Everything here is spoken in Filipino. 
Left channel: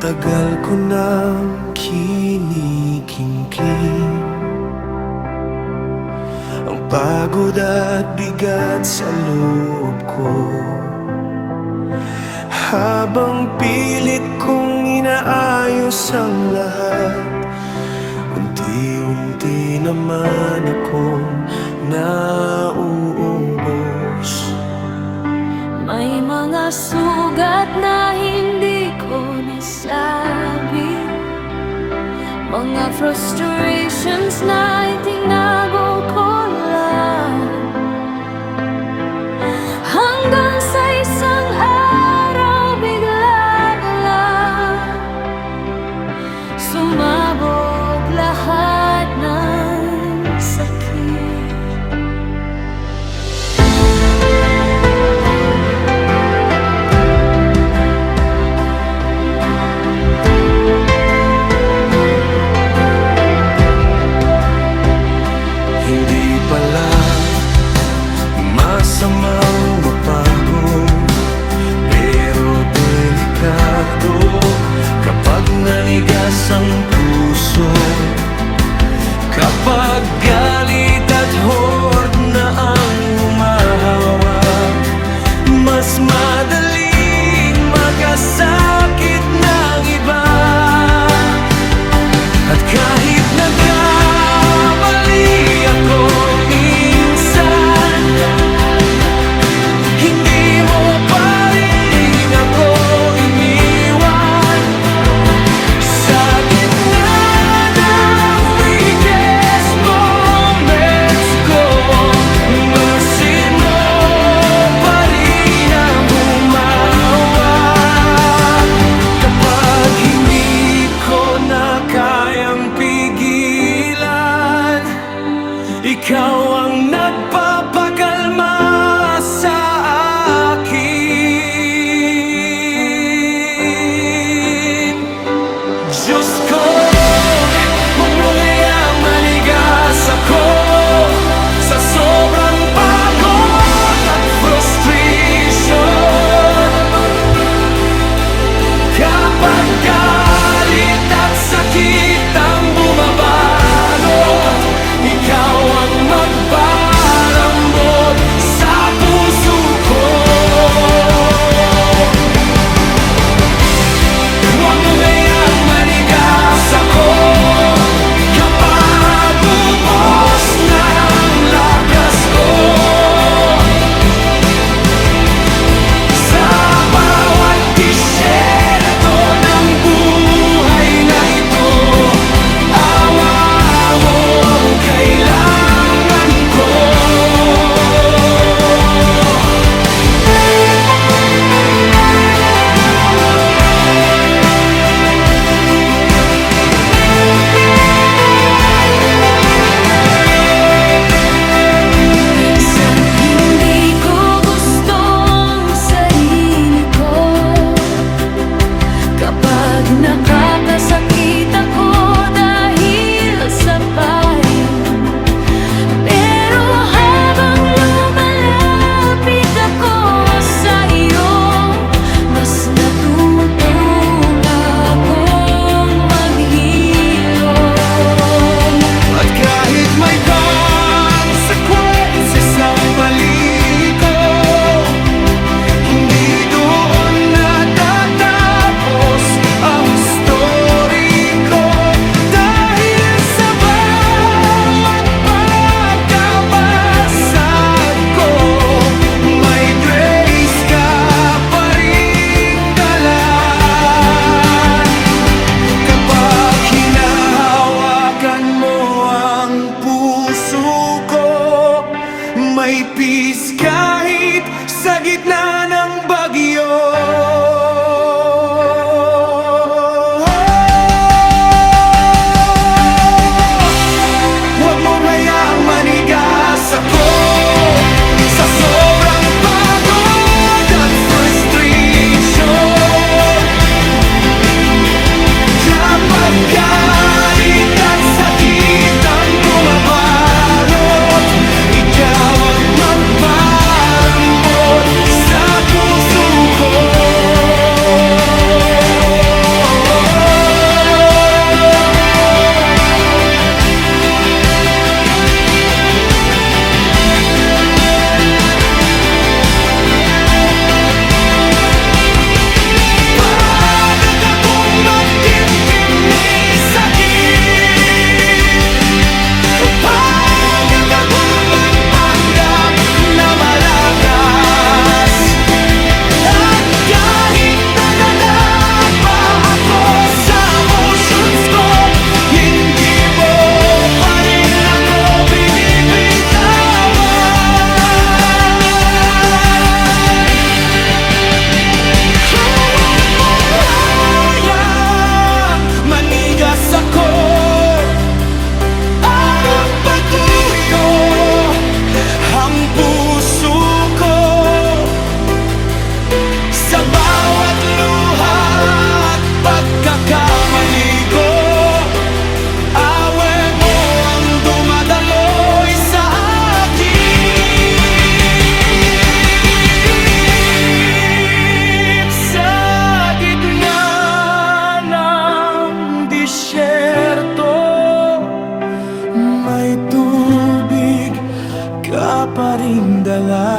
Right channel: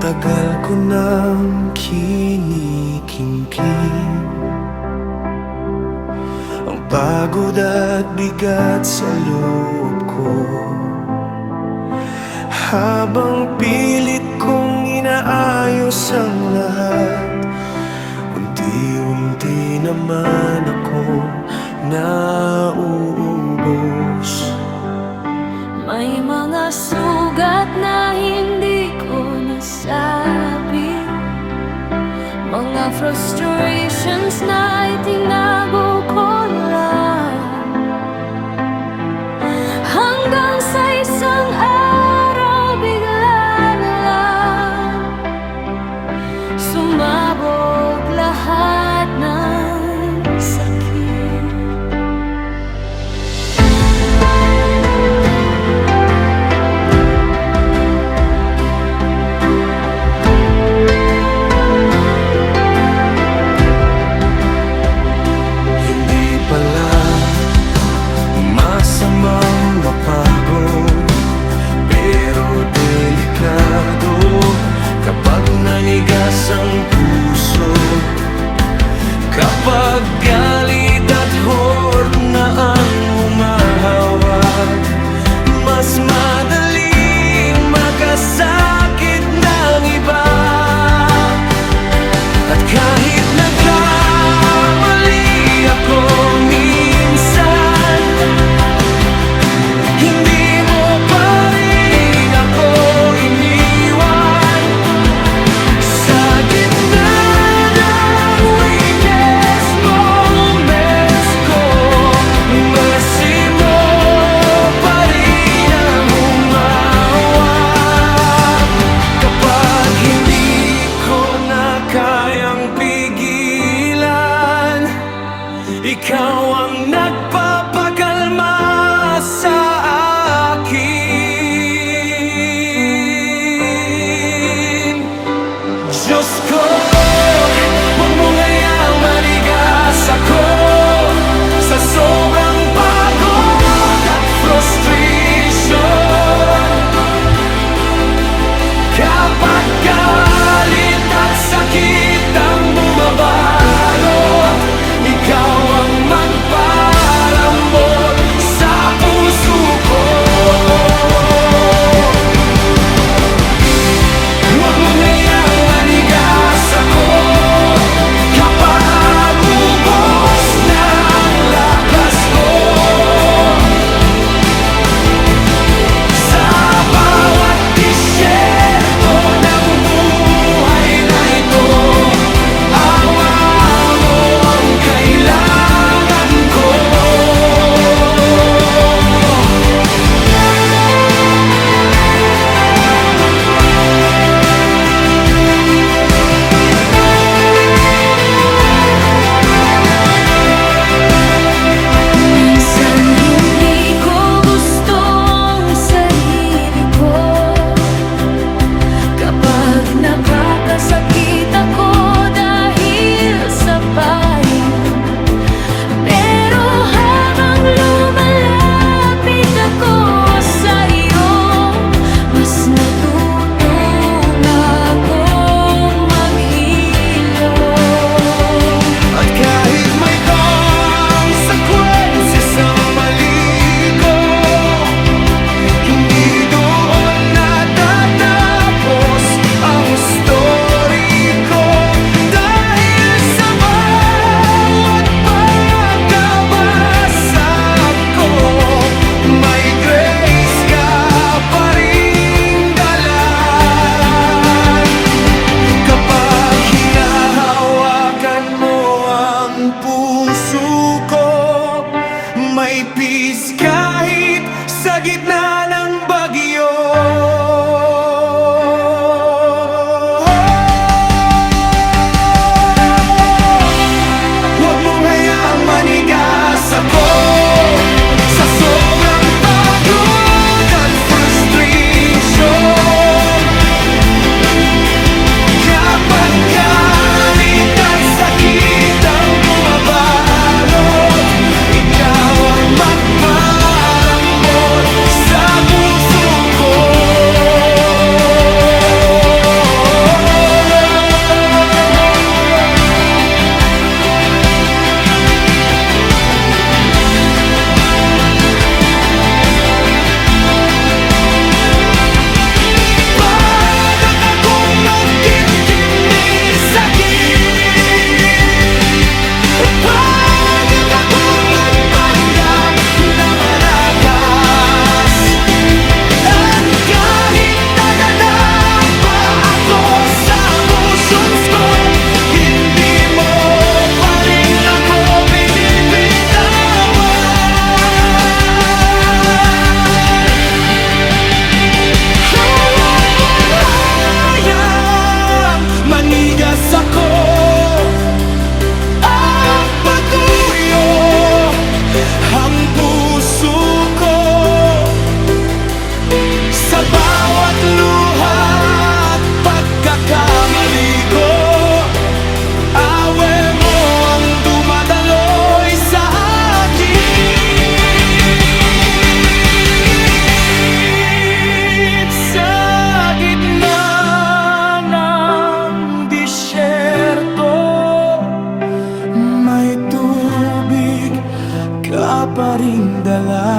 tagal ko nang kinikimkim ang pagod at bigat sa loob ko, habang pilit kong inaayos ang lahat. Unti-unti naman akong nauubos. May mga sugat na hindi ko nasabi, mga frustrations na itinago ko lang, hanggang sa isang araw bigla na lang sumabog lahat ng sakit. Hindi pala masamang mapagod, pero delikado kapag nanigas ang puso. Kapag galit at hurt na ang humahawak, mas madaling makasakit ng iba. At kahit nagkamali ako minsan, hindi mo pa rin ako iniwan. Sa gitna ng weakest moments ko, mercy mo pa rin ang humawak. Kapag hindi ko na kayang pigilan, ikaw ang nagpapakalma sa akin. Diyos ko, huwag mo ngayang manigas ako sa sobrang pagod at frustration. Kapag galit at sakit ang bumabalot, ikaw ang magpalambot sa puso ko. Huwag mo ngayang manigas ako kapag ubos na ang lakas ko. Sa bawat disyerto ng buhay na ito, awa mo ang kailangan ko. Minsan hindi ko gusto ang sarili ko, kapag nakakasakit ako dahil sa pain. Pero habang lumalapit ako sa iyo, mas natutong akong maghilom. At kahit may consequences ang mali ko, hindi doon natatapos ang story ko. Dahil sa bawat pagkabasag ko, may grace ka pa ring dala. Kapag hinahawakan mo ang puso ko, may peace kahit sa gitna ng bagyo. Huwag mong hayaang manigas ako sa sobrang pagod at frustration. Kapag galit at sakit ang bumabalot, ikaw ang magpalambot sa puso ko. ko ang patuyo, ang puso ko. Sa bawat luha at pagkakamali ko, awe mo ang dumadaloy sa akin. Sa gitna ng disyerto, may tubig ka pa ring dala.